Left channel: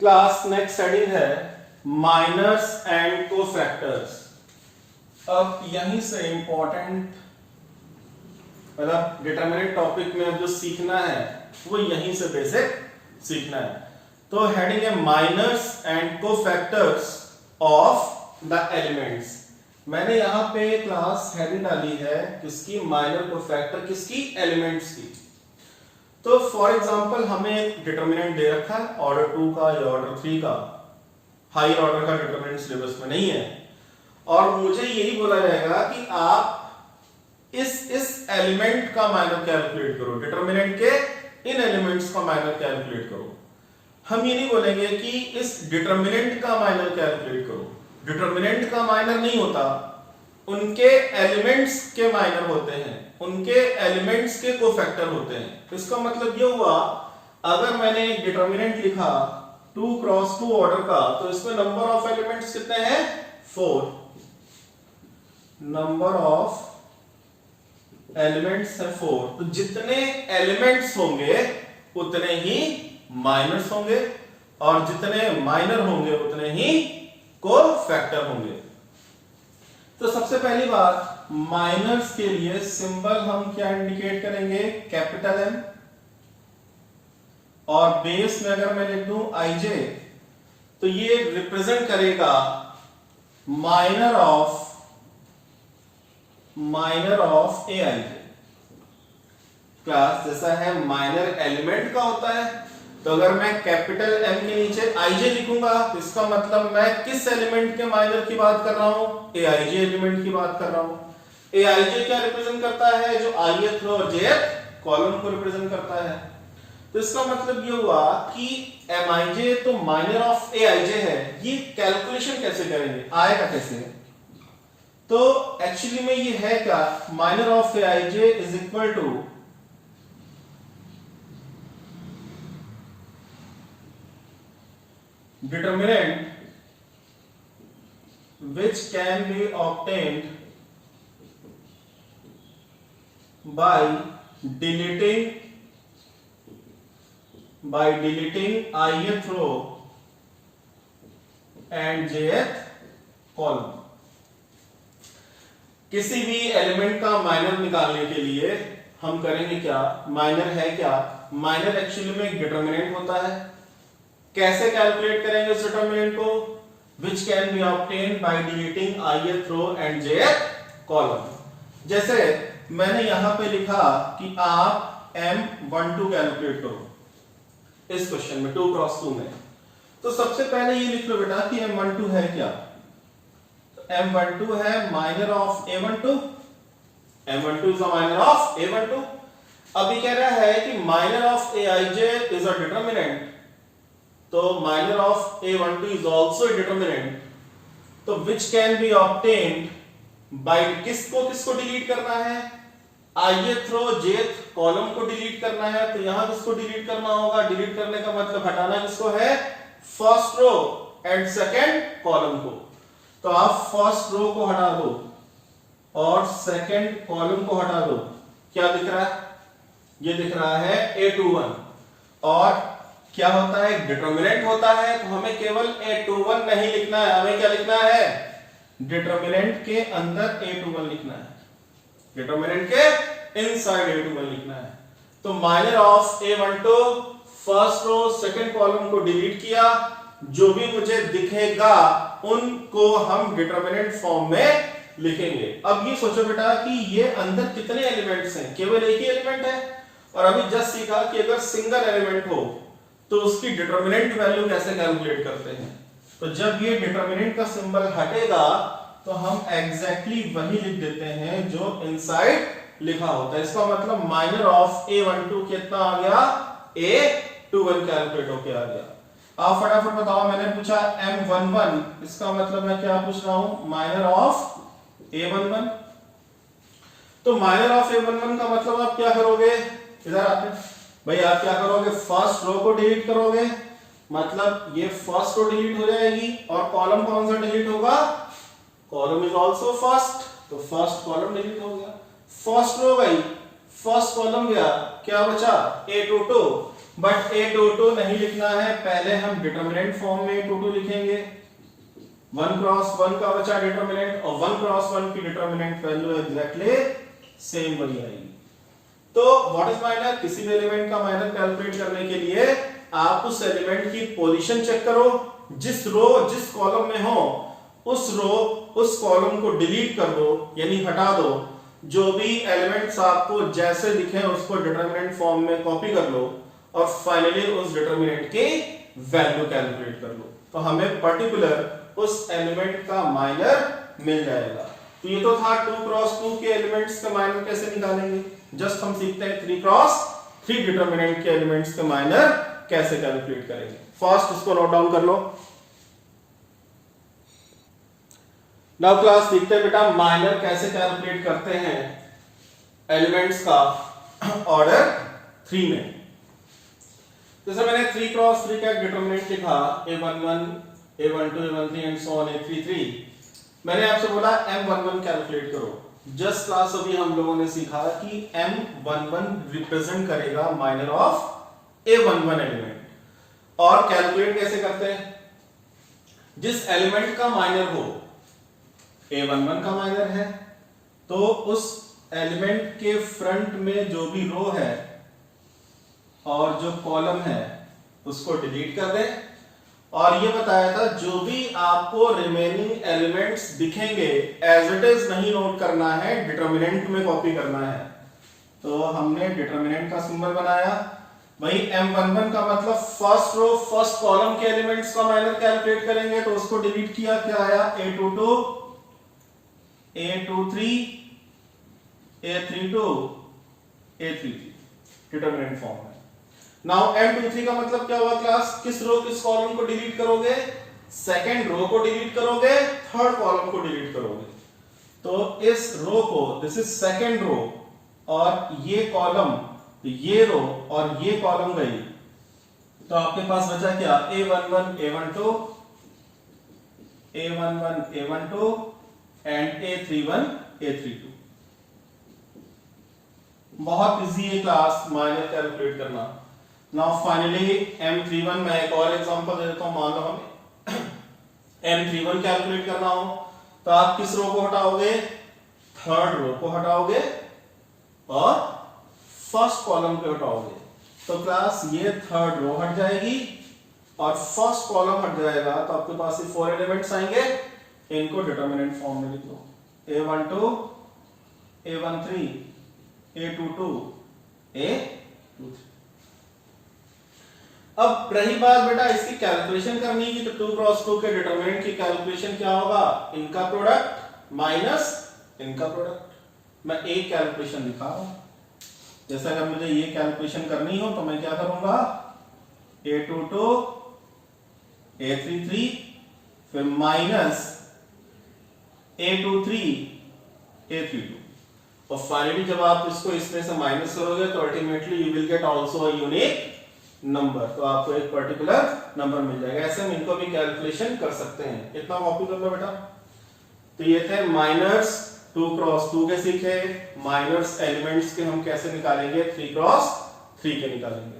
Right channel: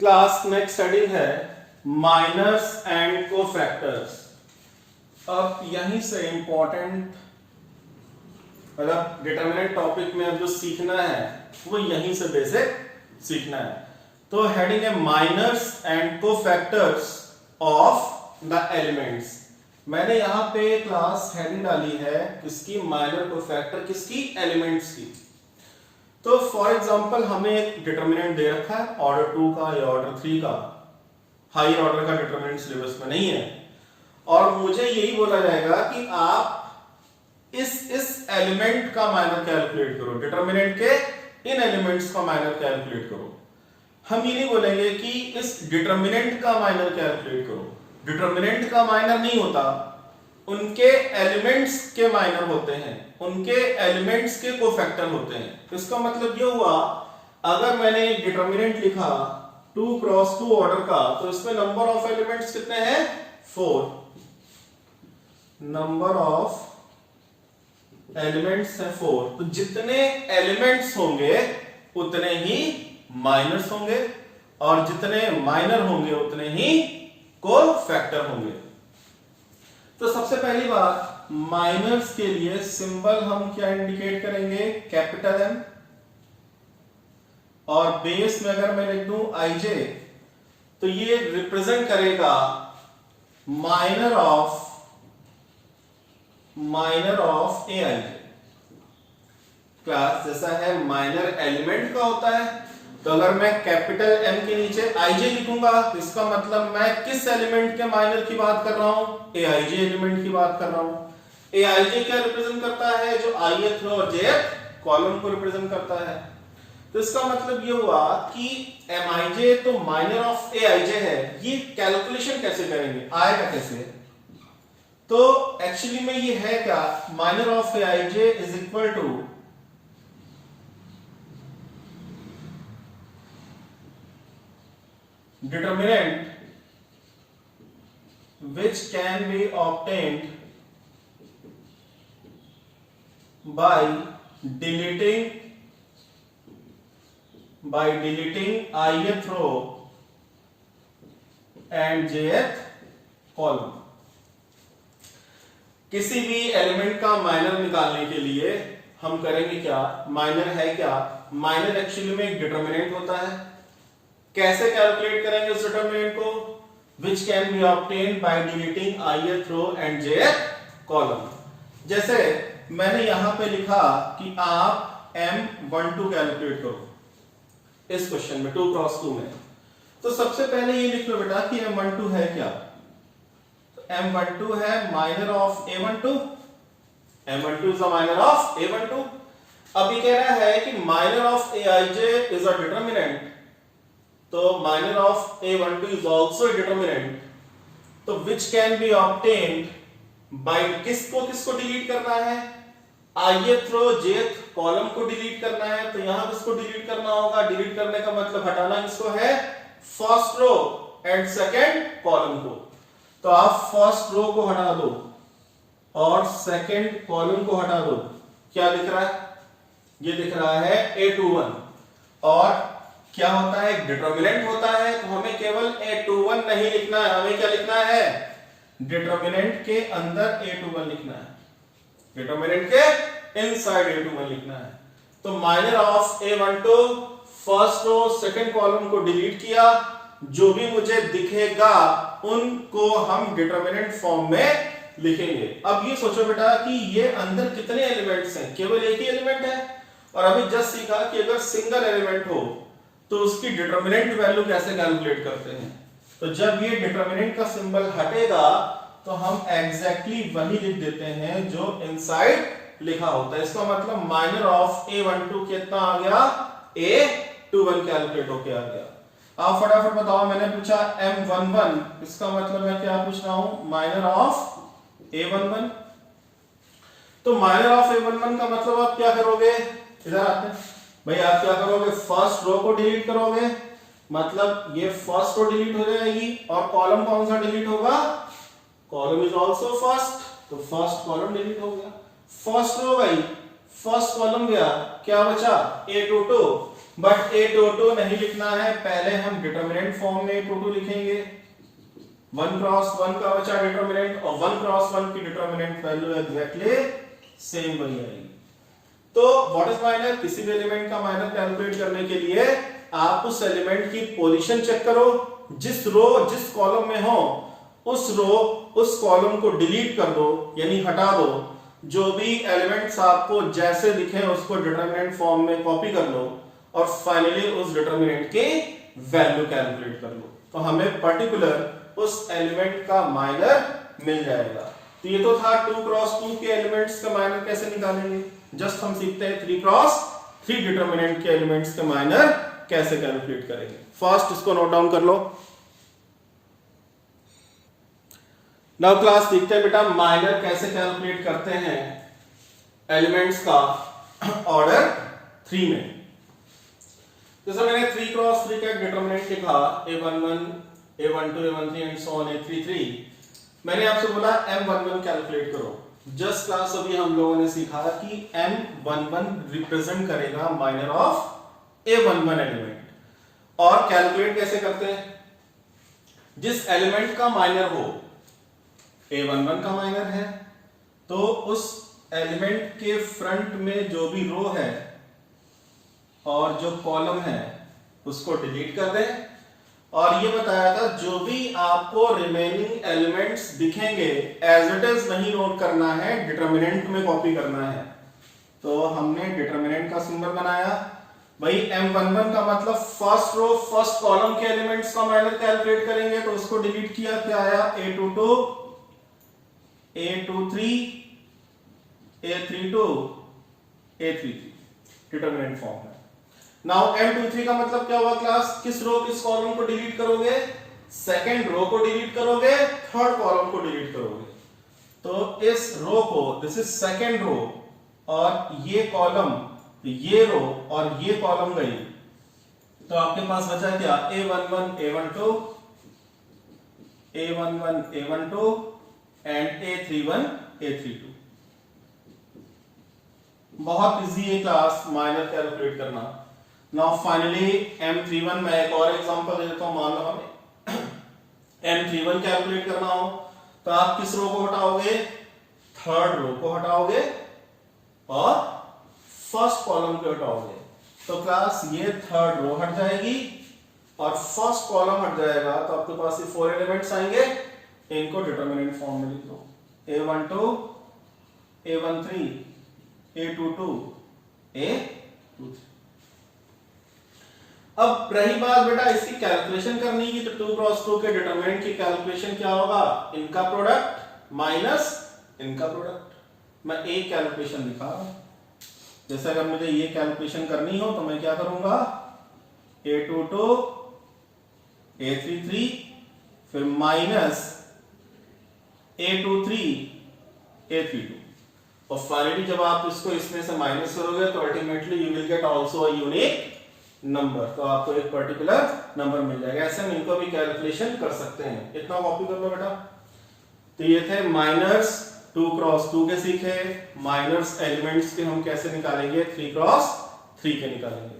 Class next heading है minors and cofactors. अब यहीं से इंपॉर्टेंट मतलब डिटरमिनेंट टॉपिक में अब जो सीखना है वो यहीं से बेसिक सीखना है। तो हेडिंग है minors and cofactors of the elements. मैंने यहां पे क्लास हेडिंग डाली है किसकी, माइनर कोफैक्टर किसकी, एलिमेंट्स की। तो फॉर एग्जांपल हमें एक डिटरमिनेंट दे रखा है ऑर्डर 2 का या ऑर्डर 3 का, हायर ऑर्डर का डिटरमिनेंट सिलेबस में नहीं है, और मुझे यही बोला जाएगा कि आप इस एलिमेंट का माइनर कैलकुलेट करो, डिटरमिनेंट के इन एलिमेंट्स का माइनर कैलकुलेट करो। हम ये नहीं बोलेंगे कि इस डिटरमिनेंट का माइनर कैलकुलेट करो, डिटरमिनेंट का माइनर नहीं होता, उनके एलिमेंट्स के माइनर होते हैं, उनके एलिमेंट्स के कोफैक्टर होते हैं। इसका मतलब ये हुआ अगर मैंने एक डिटरमिनेंट लिखा 2 क्रॉस 2 ऑर्डर का, तो इसमें नंबर ऑफ एलिमेंट्स कितने हैं, 4। नंबर ऑफ एलिमेंट्स है 4। तो जितने एलिमेंट्स होंगे उतने ही माइनर्स होंगे, और जितने माइनर होंगे उतने ही कोफैक्टर होंगे। तो सबसे पहली बात, माइनर्स के लिए सिंबल हम क्या इंडिकेट करेंगे, कैपिटल एम, और बेस में अगर मैं लिख दूं आई जे, तो ये रिप्रेजेंट करेगा minor of A I J. Class जैसा है माइनर एलिमेंट का होता है, तो अगर मैं कैपिटल एम के नीचे आई जे लिखूंगा तो इसका मतलब मैं किस एलिमेंट के माइनर की बात कर रहा हूं, ए आई जे एलिमेंट की बात कर रहा हूं। ए आई जे क्या रिप्रेजेंट करता है, जो ith रो और jth कॉलम को रिप्रेजेंट करता है। तो इसका मतलब ये हुआ कि एम आई जे तो माइनर ऑफ ए आई जे है। ये कैलकुलेशन कैसे करेंगे, आएगा कैसे, तो एक्चुअली में ये है क्या, minor of A I J is equal to determinant which can be obtained by deleting ith row and jth column। किसी भी एलिमेंट का माइनर निकालने के लिए हम करेंगे क्या, माइनर है क्या, माइनर एक्चुअली में एक डिटरमिनेंट होता है। कैसे कैलकुलेट करेंगे उस डिटरमिनेंट को, which can be obtained by deleting ith row and jth column। जैसे मैंने यहां पे लिखा कि आप M12 कैलकुलेट करो इस क्वेश्चन में 2 क्रॉस 2 में, तो सबसे पहले ये लिख लो बेटा कि M12 है क्या, M12 है minor of A12, M12 is the minor of A12। अभी कह रहा है कि minor of Aij is a determinant, तो minor of A12 is also a determinant. तो which can be obtained by किसको डिलीट करना है, ith रो jth कॉलम को डिलीट करना है। तो यहां किसको डिलीट करना होगा, डिलीट करने का मतलब हटाना किसको है, first row and second column को। तो आप फर्स्ट रो को हटा दो और सेकंड कॉलम को हटा दो, क्या दिख रहा है, ये दिख रहा है A21। और क्या होता है, एक डिटरमिनेंट होता है, तो हमें केवल A21 नहीं लिखना है, हमें क्या लिखना है, डिटरमिनेंट के अंदर A21 लिखना है, डिटरमिनेंट के इनसाइड A21 लिखना है। तो minor of A12 first row second column को डिलीट किया, जो भी मुझे दिखेगा उनको हम डिटरमिनेंट फॉर्म में लिखेंगे। अब ये सोचो बेटा कि ये अंदर कितने एलिमेंट्स हैं, केवल एक ही एलिमेंट है, और अभी जस्ट सीखा कि अगर सिंगल एलिमेंट हो तो उसकी डिटरमिनेंट वैल्यू कैसे कैलकुलेट करते हैं। तो जब ये डिटरमिनेंट का सिंबल हटेगा तो हम एग्जैक्टली वही लिख देते हैं जो इनसाइड लिखा होता है। इसका मतलब माइनर ऑफ A12 कितना आ गया, A21 कैलकुलेट होके आ गया। आप फटाफट बताओ, मैंने पूछा M11, इसका मतलब मैं क्या पूछ रहा हूं, माइनर ऑफ A11। तो माइनर ऑफ A11 का मतलब आप क्या करोगे, इधर आते भाई, आप क्या करोगे, फर्स्ट रो को डिलीट करोगे, मतलब ये फर्स्ट रो डिलीट हो जाएगी, और कॉलम कौन सा डिलीट होगा, कॉलम इज आल्सो फर्स्ट, तो फर्स्ट कॉलम डिलीट हो गया। फर्स्ट रो गई, फर्स्ट कॉलम गया, क्या बचा A22, बट A22 नहीं लिखना है, पहले हम डिटरमिनेंट फॉर्म में A22 लिखेंगे। 1 क्रॉस 1 का बचा डिटरमिनेंट, और 1 क्रॉस 1 की डिटरमिनेंट वैल्यू एग्जैक्टली सेम वही आएगी। तो व्हाट इज माइनर? किसी भी एलिमेंट का माइनर कैलकुलेट करने के लिए आप उस एलिमेंट की पोजीशन चेक करो, जिस रो जिस कॉलम में हो उस रो उस कॉलम को डिलीट कर दो, यानी हटा दो। जो भी एलिमेंट्स आपको जैसे दिखे उसको डिटरमिनेंट फॉर्म में कॉपी कर लो, और फाइनली उस डिटरमिनेंट की वैल्यू कैलकुलेट कर लो, तो हमें पर्टिकुलर उस एलिमेंट का माइनर मिल जाएगा। तो ये तो था 2 क्रॉस 2 के एलिमेंट्स का माइनर कैसे निकालेंगे। जस्ट हम सीखते हैं 3 क्रॉस 3 डिटरमिनेंट के एलिमेंट्स का माइनर कैसे कैलकुलेट करेंगे। फर्स्ट इसको नोट डाउन कर लो। नाउ क्लास देखते हैं बेटा माइनर कैसे कैलकुलेट करते हैं एलिमेंट्स का ऑर्डर 3 में। जैसे मैंने 3 क्रॉस 3 का डिटरमिनेंट लिखा A11 A12 A13 and so on A33। मैंने आपसे बोला M11 कैलकुलेट करो। जस्ट क्लास अभी हम लोगों ने सीखा कि M11 रिप्रेजेंट करेगा माइनर ऑफ A11 एलिमेंट। और कैलकुलेट कैसे करते हैं? जिस एलिमेंट का माइनर हो, A11 का माइनर है तो उस एलिमेंट के फ्रंट में जो भी रो है और जो कॉलम है उसको डिलीट कर दें। और ये बताया था जो भी आपको रिमेनिंग एलिमेंट्स दिखेंगे एज इट इज नहीं नोट करना है, डिटरमिनेंट में कॉपी करना है। तो हमने डिटरमिनेंट का सिंबल बनाया। भाई M11 का मतलब फर्स्ट रो फर्स्ट कॉलम के एलिमेंट्स का माइनर कैलकुलेट करेंगे, तो उसको डिलीट किया, क्या आया A22 A23 A32 A33 determinant form है। नाउ M23 का मतलब क्या हुआ क्लास? किस रो किस कॉलम को डिलीट करोगे? सेकंड रो को डिलीट करोगे, थर्ड कॉलम को डिलीट करोगे। तो इस रो को, दिस इज सेकंड रो, और ये कॉलम, ये रो और ये कॉलम गई, तो आपके पास बचा क्या? A11 A12 A11 A12 and A31 A32। बहुत इजी है क्लास माइनर कैलकुलेट करना। नाउ फाइनली M31 में एक और एग्जांपल दे देता हूं। मान लो हमें M31 कैलकुलेट करना हो तो आप किस रो को हटाओगे? थर्ड रो को हटाओगे और फर्स्ट कॉलम को हटाओगे। तो क्लास ये थर्ड रो हट जाएगी और फर्स्ट कॉलम हट जाएगा, तो आपके पास ये 4 एलिमेंट्स आएंगे। इनको डिटरमिनेंट फॉर्म में लिख लो। A12 A13 A22 A23। अब रही बात बेटा इसकी कैलकुलेशन करनी की, तो 2 क्रॉस 2 के डिटरमिनेंट की कैलकुलेशन क्या होगा? इनका प्रोडक्ट माइनस इनका प्रोडक्ट। मैं एक कैलकुलेशन दिखा रहा हूं। जैसे अगर मुझे ये कैलकुलेशन करनी हो तो मैं क्या करूंगा? A22 A33 फिर माइनस A23 A32, और फाइनली जब आप इसको इसमें से माइनस करोगे तो ultimately you will get also a unique number, तो आपको एक पर्टिकुलर नंबर मिल जाएगा। ऐसे हम इनको भी कैलकुलेशन कर सकते हैं। इतना कॉपी कर लो बेटा। तो ये थे माइनर्स 2 क्रॉस 2 के सीखे। माइनर्स एलिमेंट्स के हम कैसे निकालेंगे? 3 क्रॉस 3 के निकालेंगे।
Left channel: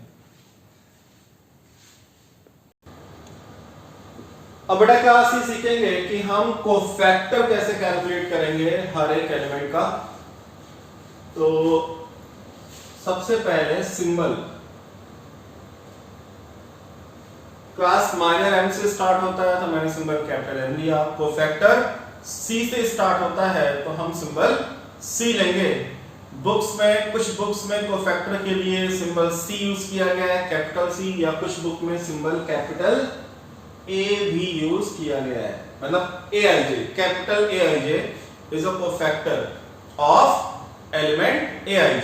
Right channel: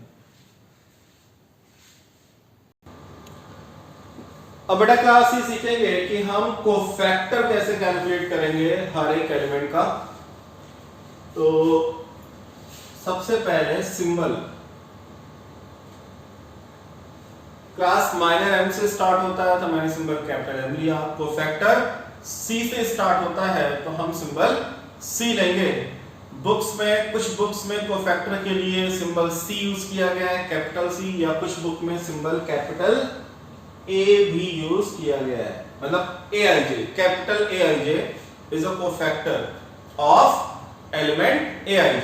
अब बेटा क्लास ये सीखेंगे कि हम कोफैक्टर कैसे कैलकुलेट करेंगे हर एक एलिमेंट का। तो सबसे पहले सिंबल। क्लास माइनर M से स्टार्ट होता है तो मैंने सिंबल कैपिटल M लिया। कोफैक्टर C से स्टार्ट होता है तो हम सिंबल C लेंगे। बुक्स में, कुछ बुक्स में कोफैक्टर के लिए सिंबल C यूज किया गया है, कैपिटल C, या कुछ बुक में सिंबल कैपिटल A भी यूज किया गया है। मतलब AIJ, capital AIJ is a cofactor of element AIJ।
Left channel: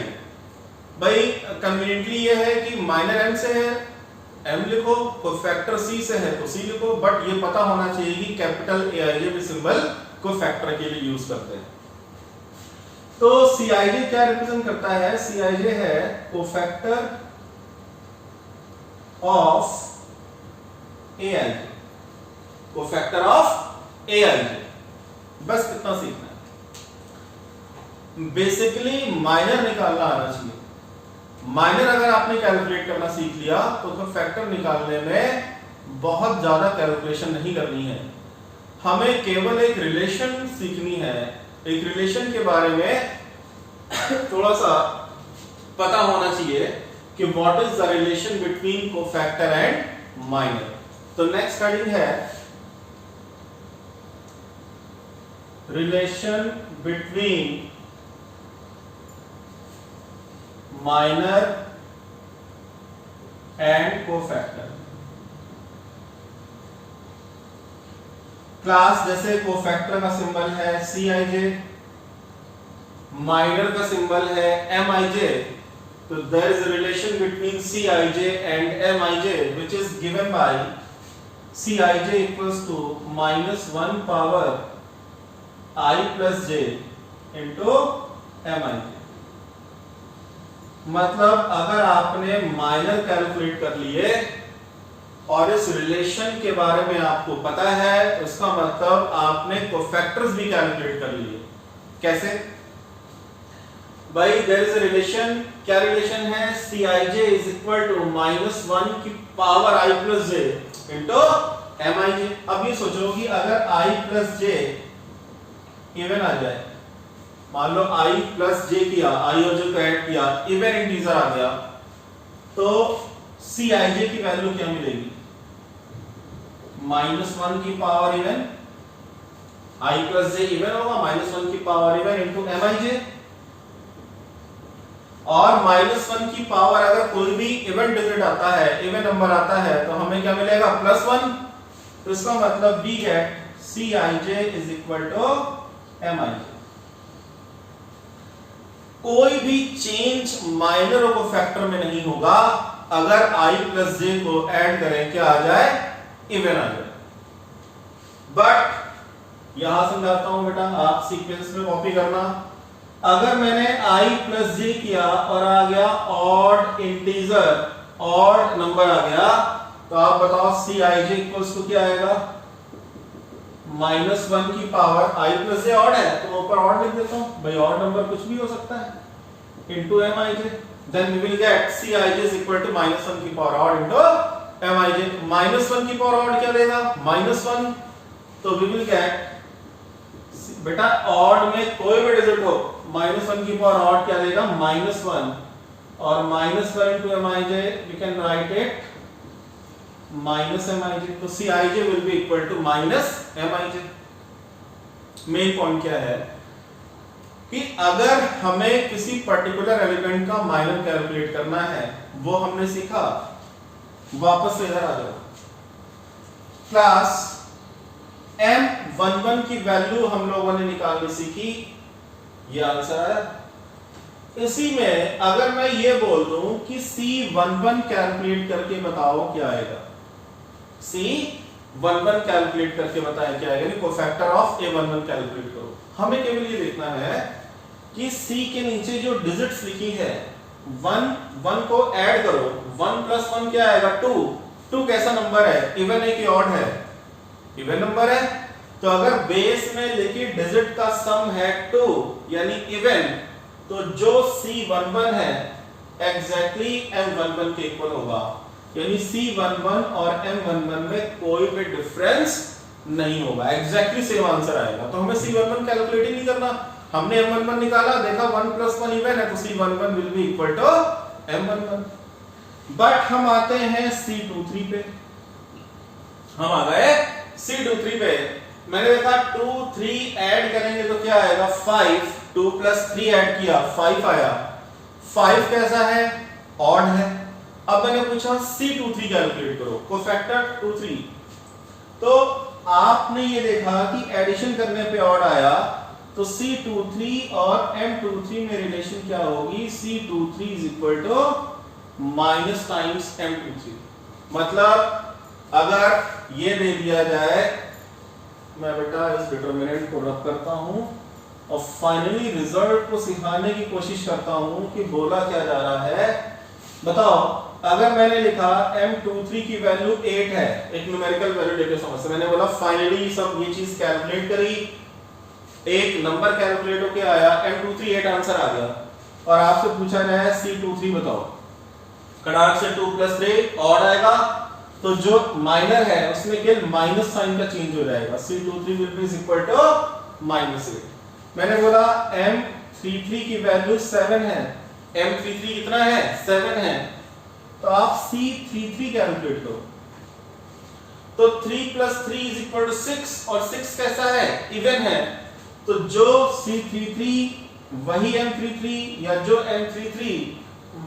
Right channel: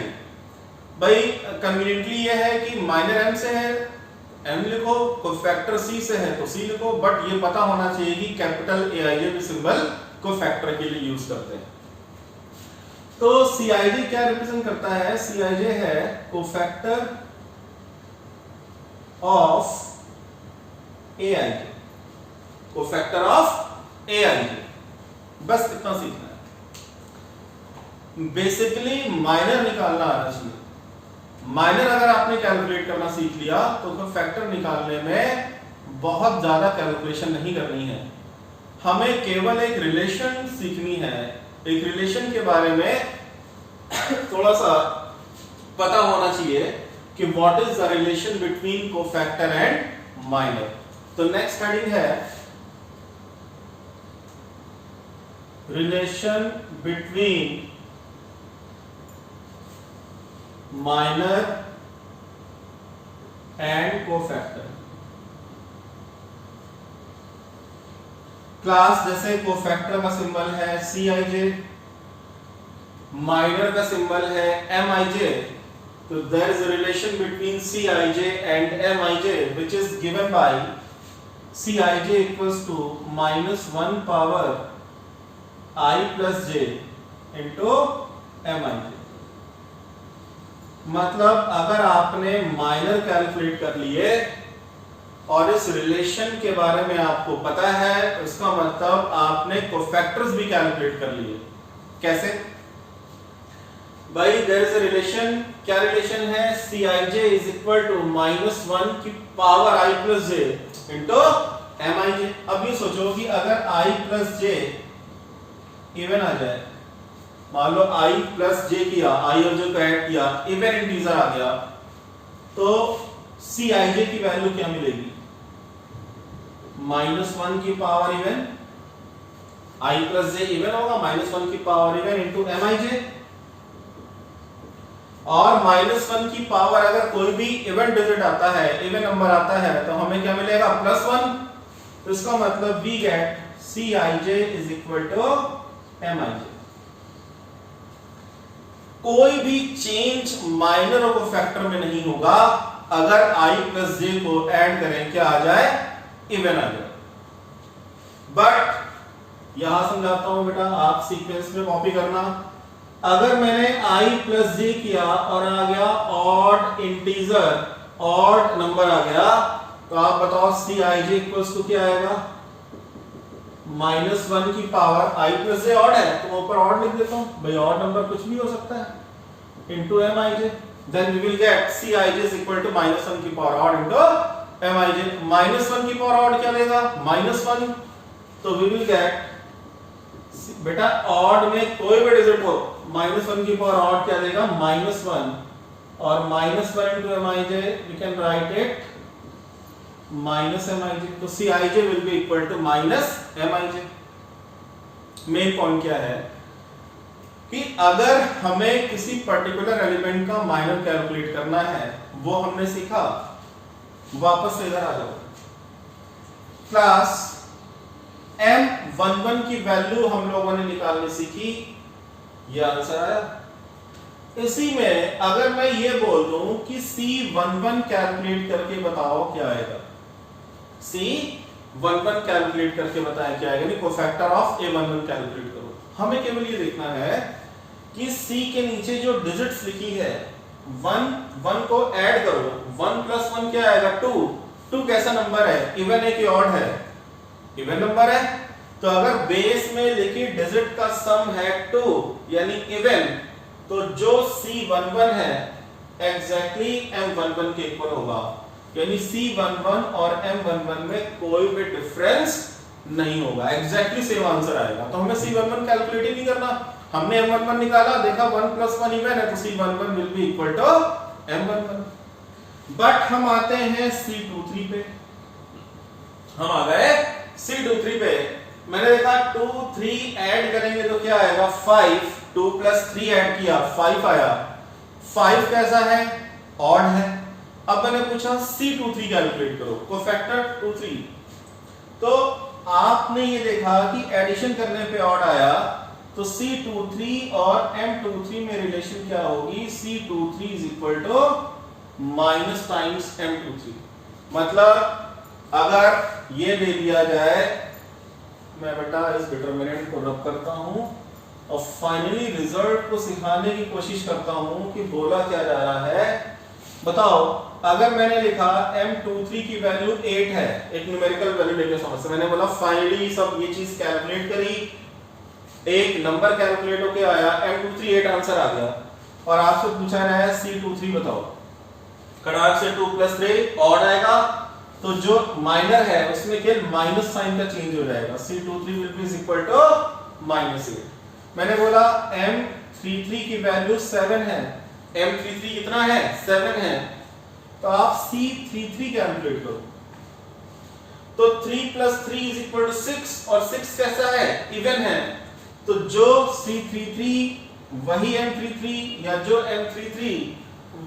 भाई कन्वीनियंटली ये है कि माइनर M से है M लिखो, कोफैक्टर C से है तो C लिखो, बट ये पता होना चाहिए कि कैपिटल AIJ भी सिंबल कोफैक्टर के लिए यूज करते हैं। तो CIJ क्या रिप्रेजेंट करता है? CIJ है cofactor of AIJ, cofactor of AIJ। बस इतना सीखना है। बेसिकली माइनर निकालना आना चाहिए। माइनर अगर आपने कैलकुलेट करना सीख लिया तो फैक्टर निकालने में बहुत ज्यादा कैलकुलेशन नहीं करनी है, हमें केवल एक रिलेशन सीखनी है। एक रिलेशन के बारे में थोड़ा सा पता होना चाहिए कि what is the relation between cofactor and minor. तो नेक्स्ट हेडिंग है relation between minor and cofactor. Class जैसे कोफैक्टर का सिंबल है Cij, माइनर का सिंबल है Mij, तो there is a relation between Cij and Mij which is given by Cij equals to -1 power I plus j into Mij। मतलब अगर आपने minor calculate कर लिए और इस रिलेशन के बारे में आपको पता है, उसका मतलब आपने कोफैक्टर्स भी कैलकुलेट कर लिए। कैसे भाई? देयर इज अ रिलेशन, क्या रिलेशन है? Cij इज इक्वल टू -1 की power I plus j into Mij। अब ये सोचो कि अगर I प्लस j इवन आ जाए, मान लो I प्लस j किया, I और j को ऐड किया, इवन इंटीजर आ गया, तो Cij की वैल्यू क्या मिलेगी? -1 की power even, I plus j even होगा, -1 की पावर इवन इंटू Mij। और -1 की पावर अगर कोई भी इवन डिजिट आता है, इवन नंबर आता है, तो हमें क्या मिलेगा? +1। तो इसका मतलब we get Cij is equal to Mij। कोई भी चेंज माइनर और कोफैक्टर में नहीं होगा अगर I प्लस j को ऐड करें, क्या आ जाए? इवन आ जाए। बट यहां समझाता हूं बेटा, आप सीक्वेंस में कॉपी करना। अगर मैंने I प्लस j किया और आ गया ऑड इंटीजर, ऑड नंबर आ गया, तो आप बताओ Cij इक्वल्स टू क्या आएगा? -1 की power I plus j odd है तो मैं ऊपर ऑड लिख देता हूं भाई, ऑड नंबर कुछ भी हो सकता है, into Mij। Then we will get Cij is equal to -1 की पावर ऑड इंटू Mij। -1 की पावर ऑड क्या देगा? -1। तो वी विल गेट, बेटा ऑड में कोई भी डिजिट हो, -1 की पावर ऑड क्या देगा? -1, और -1 into Mij we can write it -Mij। तो Cij will be equal to -Mij। Main point क्या है कि अगर हमें किसी पर्टिकुलर एलिमेंट का माइनर कैलकुलेट करना है, वो हमने सीखा। वापस से इधर आ जाओ। क्लास M11 की वैल्यू हम लोगों ने निकालनी सीखी, ये आंसर आया। इसी में अगर मैं ये बोल दूं कि C11 कैलकुलेट करके बताओ क्या आएगा, C11 कैलकुलेट करके बताएं क्या आएगा, नहीं कोफैक्टर ऑफ A11 कैलकुलेट करो। हमें केवल ये देखना है कि C के नीचे जो डिजिट्स लिखी है 1 को ऐड करो, 1 प्लस 1 क्या आएगा? 2 कैसा नंबर है? इवन है कि ऑड है? इवन नंबर है। तो अगर बेस में लिखी डिजिट का सम है 2 यानी इवन, तो जो C11 है एग्जैक्टली M11 के इक्वल होगा, यानी C11 और M11 में कोई भी डिफरेंस नहीं होगा, एग्जैक्टली सेम आंसर आएगा। तो हमें C11 कैलकुलेट ही नहीं करना, हमने M11 निकाला, देखा 1 प्लस 1 इवन है, तो C11 will be equal to M11। But हम आते हैं C23 पे, हम आ गए C23 पे। मैंने देखा 2 3 ऐड करेंगे तो क्या आएगा? 5। 2 प्लस 3 ऐड किया 5 आया। 5 कैसा है? ऑड है। अब मैंने पूछा C23 कैलकुलेट करो, कोफैक्टर 23। तो आपने ये देखा कि एडिशन करने पे ऑड आया, तो C23 और M23 में रिलेशन क्या होगी? C23 is equal to minus times M23। मतलब अगर ये दे दिया जाए, मैं बेटा इस डिटरमिनेंट को रब करता हूं और फाइनली रिजल्ट को सिखाने की कोशिश करता हूं कि बोला क्या जा रहा है। बताओ, अगर मैंने लिखा M23 की वैल्यू 8 है, एक न्यूमेरिकल वैल्यू लेके समझ, मैंने बोला फाइनली सब ये चीज कैलकुलेट करी, एक नंबर कैलकुलेट होके आया M23 8 आंसर आ गया, और आपसे पूछा गया है C23 बताओ। खड़ाक से 2 + 3 ऑड आएगा, तो जो माइनर है उसमें केवल माइनस साइन का चेंज हो जाएगा, C23 will be equal to -8। मैंने बोला M33 की वैल्यू 7 है, M33 कितना है 7 है, तो आप C33 कैलकुलेट करो। तो 3 + 3 = 6 और 6 कैसा है इवन है, तो जो C33 वही M33 या जो M33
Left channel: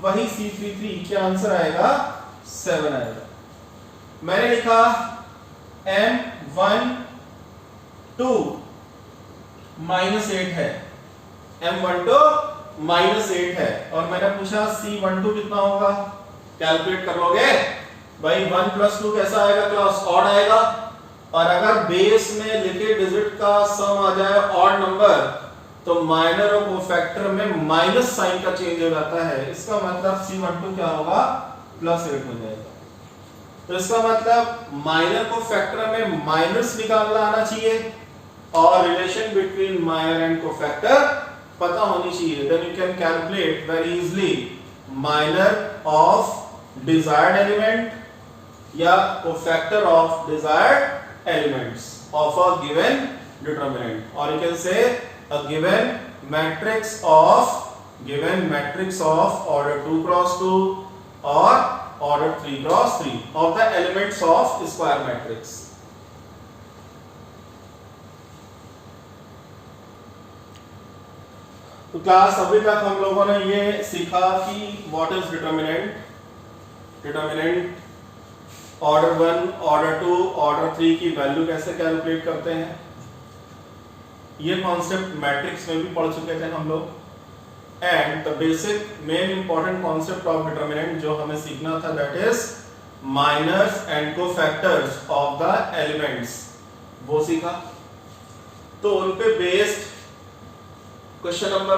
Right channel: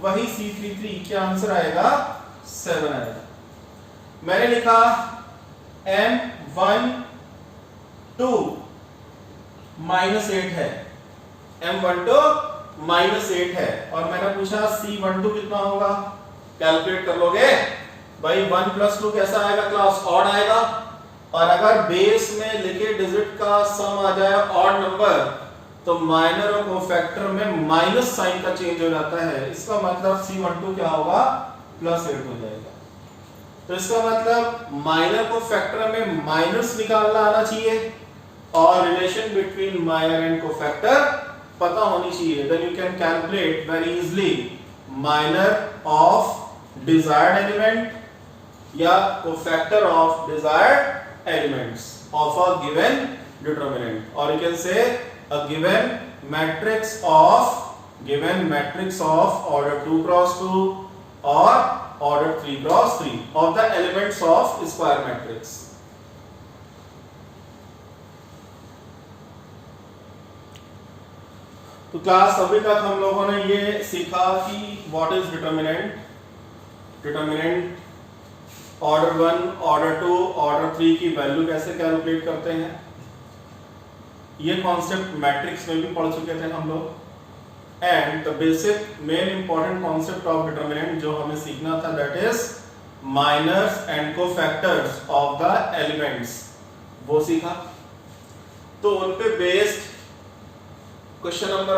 वही C33, क्या आंसर आएगा 7 आएगा। मैंने लिखा M12 -8 है, M12 -8 है, और मैंने पूछा C12 कितना होगा, कैलकुलेट कर लोगे भाई। 1 + 2 कैसा आएगा क्लास, ऑड आएगा, और अगर बेस में लिखे डिजिट का सम आ जाए ऑड नंबर, तो माइनर और कोफैक्टर में माइनस साइन का चेंज हो जाता है, इसका मतलब C12 क्या होगा +8 हो जाएगा। तो इसका मतलब माइनर को फैक्टर में माइनस निकालना आना चाहिए, और relation between minor and cofactor पता होनी चाहिए, then you can calculate very easily minor of desired element या cofactor of desired elements of a given determinant, और you can say a given matrix of order 2 × 2 or order 3 × 3 of the elements of square matrix. तो class अभी तक हम लोगों ने ये सीखा कि what is determinant, order 1, order 2, order 3 की वैल्यू कैसे कैलकुलेट करते हैं। ये कॉन्सेप्ट मैट्रिक्स में भी पढ़ चुके थे हम लोग, and the basic main important concept of determinant जो हमें सीखना था, that is minors and cofactors of the elements, वो सीखा। तो उन पे बेस्ड क्वेश्चन नंबर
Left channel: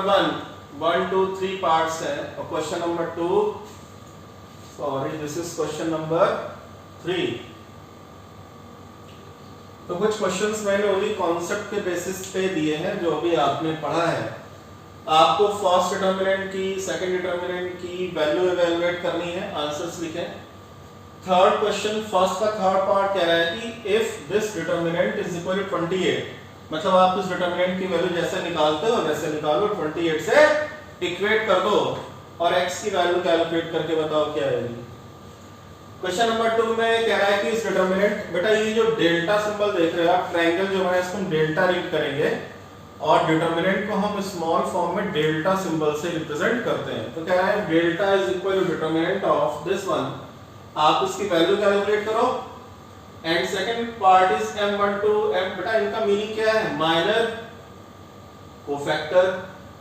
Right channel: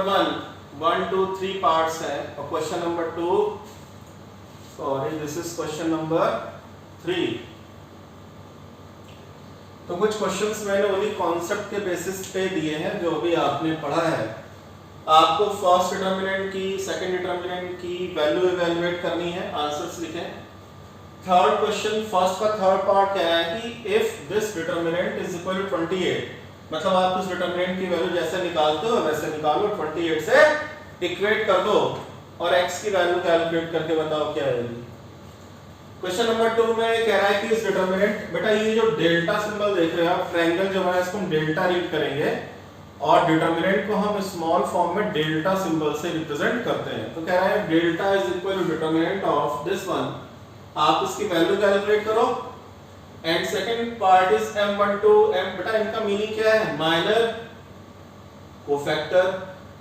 1, 2, 3 पार्ट्स है, और question number 2, sorry this is question number 3। तो कुछ क्वेश्चंस मैंने उन्हीं कॉन्सेप्ट के बेसिस पे दिए हैं जो अभी आपने पढ़ा है। आपको फर्स्ट डिटरमिनेंट की, सेकंड डिटरमिनेंट की वैल्यू इवैल्यूएट करनी है, आंसर्स लिखें। थर्ड क्वेश्चन, फर्स्ट का थर्ड पार्ट कह रहा है कि if this determinant is equal to 28, मतलब आप इस डिटरमिनेंट की वैल्यू जैसे निकालते हो वैसे निकालो, 28 से इक्वेट कर दो और x की वैल्यू कैलकुलेट करके बताओ क्या आएगी। क्वेश्चन नंबर 2 में कह रहा है कि इस डिटरमिनेंट, बेटा ये जो डेल्टा सिंबल देख रहे हो आप, ट्रायंगल जो बना है इसको हम डेल्टा रीड करेंगे, और डिटरमिनेंट को हम स्मॉल फॉर्म में डेल्टा सिंबल से रिप्रेजेंट करते हैं। तो कह रहा है delta is equal to determinant of this one, आप इसकी वैल्यू कैलकुलेट करो। And second part is M12, बेटा इनका मीनिंग क्या है, माइनर कोफैक्टर,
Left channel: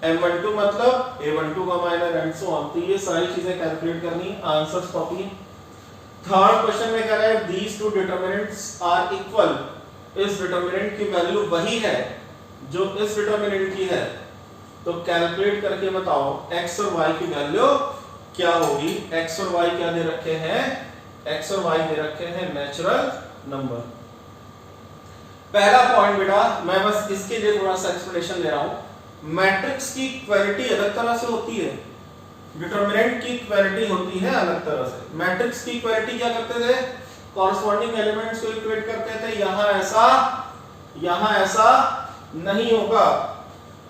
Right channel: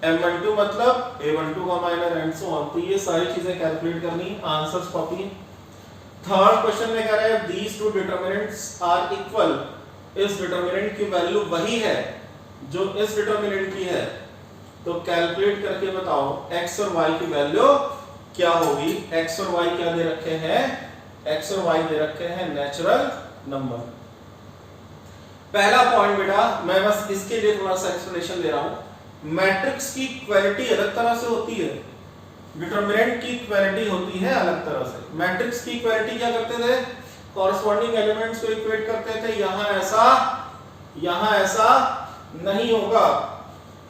M12 मतलब A12 का माइनर, एंड सो ऑन। तो ये सारी चीजें कैलकुलेट करनी, आंसर्स कॉपी। थर्ड क्वेश्चन में कह रहा है these two determinants are equal, इस डिटरमिनेंट की वैल्यू वही है जो इस डिटरमिनेंट की है, तो कैलकुलेट करके बताओ x और y की वैल्यू क्या होगी। x और y क्या दे रखे हैं, x और y दे रखे हैं नेचुरल नंबर। पहला पॉइंट बेटा मैं बस इसके लिए थोड़ा सा एक्सप्लेनेशन दे रहा हूं, मैट्रिक्स की इक्वालिटी अलग तरह से होती है, डिटरमिनेंट की इक्वालिटी होती है अलग तरह से। मैट्रिक्स की इक्वालिटी क्या करते थे, कॉरस्पॉन्डिंग एलिमेंट्स को इक्वेट करते थे, यहां ऐसा नहीं होगा।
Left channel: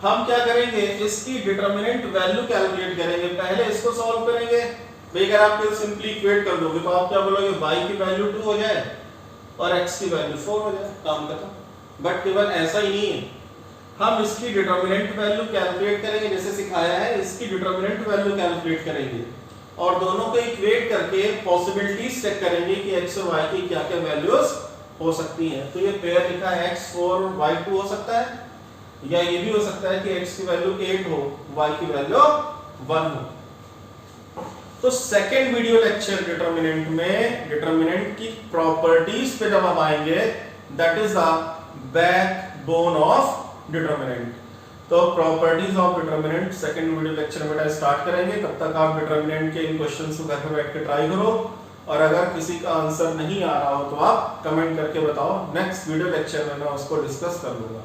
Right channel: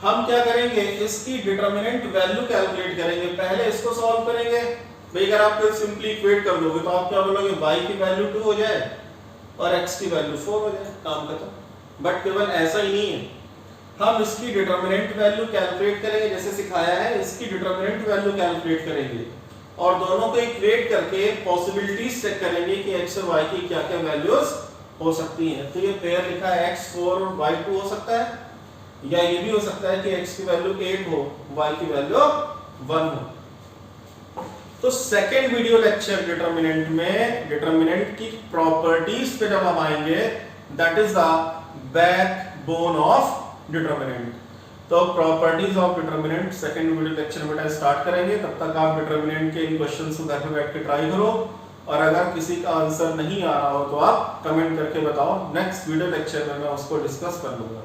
हम क्या करेंगे, इसकी डिटरमिनेंट वैल्यू कैलकुलेट करेंगे, पहले इसको सॉल्व करेंगे। भाई अगर आप सिंपली इक्वेट कर दोगे तो आप क्या बोलोगे, y की वैल्यू 2 हो जाए और x की वैल्यू 4 हो जाए, काम खत्म। बट केवल ऐसा ही नहीं है, हम इसकी डिटरमिनेंट वैल्यू कैलकुलेट करेंगे, जैसे सिखाया है इसकी डिटरमिनेंट वैल्यू कैलकुलेट करेंगे, और दोनों को इक्वेट करके पॉसिबिलिटीज चेक करेंगे कि x और y की क्या क्या वैल्यूज हो सकती हैं। तो ये पेयर लिखा है x4 y2 हो सकता है, या ये भी हो सकता है कि x की वैल्यू 8 हो, y की वैल्यू 1 हो। तो सेकेंड वीडियो लेक्चर डिटरमिनेंट में डिटरमिनेंट की प्रॉपर्टीज पे जब हम आएंगे, that is the backbone of determinant. तो properties of determinant second video lecture में स्टार्ट करेंगे। तब तक आप डिटरमिनेंट के इन क्वेश्चंस को घर पे बैठ के ट्राई करो, और अगर किसी का आंसर नहीं आ रहा हो तो आप कमेंट करके बताओ, नेक्स्ट वीडियो लेक्चर में मैं उसको डिस्कस कर लूंगा।